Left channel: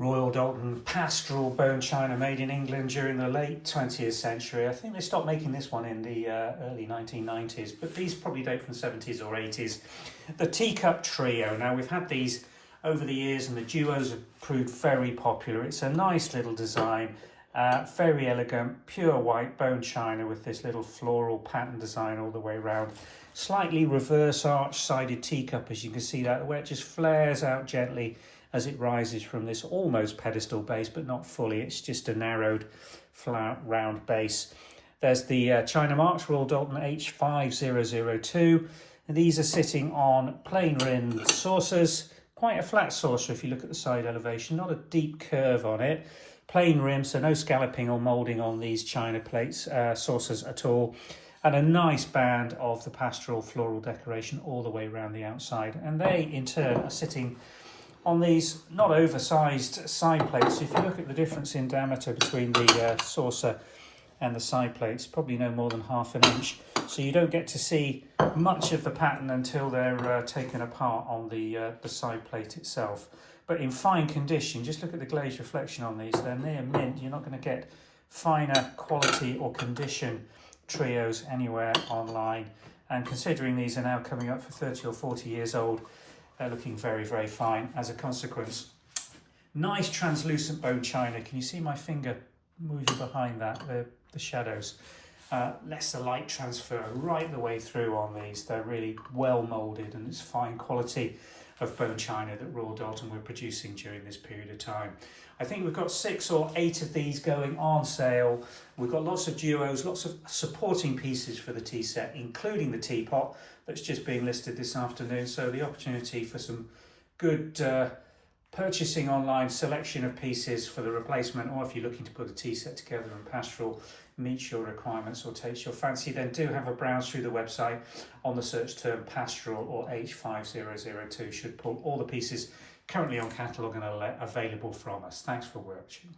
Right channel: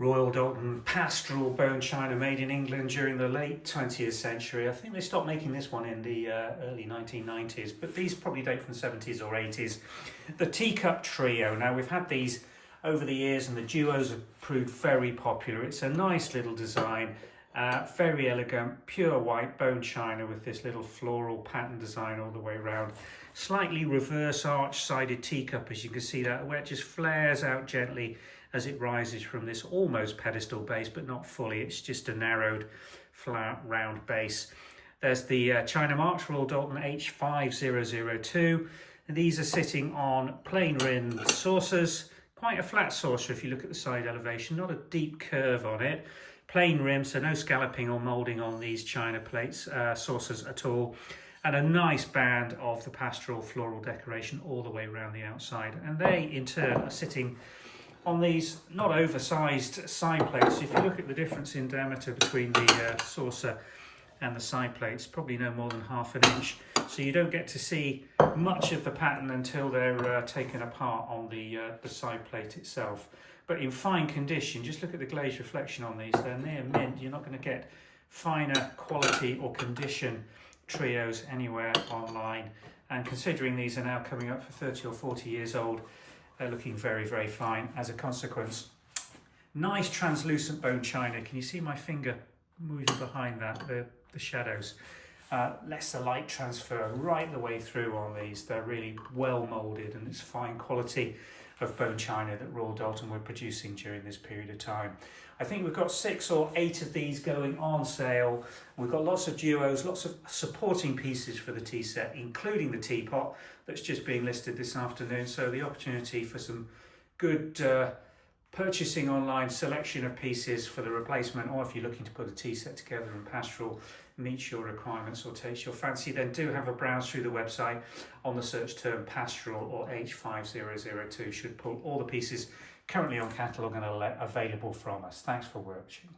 Royal Doulton Pastorale bone china made in England during the late 20th century. I think they stopped making this one in the early 1990s, but these probably date from the 70s or 80s. The Teacup trio. Now, we've had these over the years and the duos have proved very popular. It's a nice little design, very elegant, pure white bone china with this little floral pattern design all the way around. Slightly reverse arch-sided teacup, as you can see that, where it just flares out gently as it rises from this almost pedestal base, but not fully. It's just a narrowed, flat, round base. There's the China Marks Royal Doulton H, 5002. And these are sitting on plain rimmed saucers. Quite a flat saucer if you look at the side elevation, not a deep curve on it. Plain rim, so no scalloping or moulding on these china plates, saucers at all. And a nice band of the pastoral floral decoration all the way around the outside. And they, in turn, are sitting on these not oversized side plates. If you look at the difference in diameter between the saucer and the side plates, probably no more than ½ an inch. So you don't get to see much of the pattern until they're taken apart on the side plate itself. But in fine condition, just look at the glazed reflection on these. They're near mint. You're not going to get finer quality or condition trios anywhere online. And considering these are now coming up for 30 or 40 years old, they're looking very, very fine as a consequence. Nice translucent bone china. Can you see my finger moving behind that, the shadows? Lets the light transfer right the way through on these. They're really well moulded, and it's fine quality of bone china that Royal Doulton were producing during this period of time. I think we've got 6 or 8 of these going on sale. We've got lots of duos, lots of supporting pieces for the tea set, including the teapot that's just being listed this afternoon. So the opportunity for some good purchasing online selection of pieces for the replacement, or if you're looking to put a tea set together and pastoral meets your requirements or takes your fancy, then do have a browse through the website on the search term pastoral or H5002. Should pull all the pieces currently on catalogue and available from us. Thanks for watching.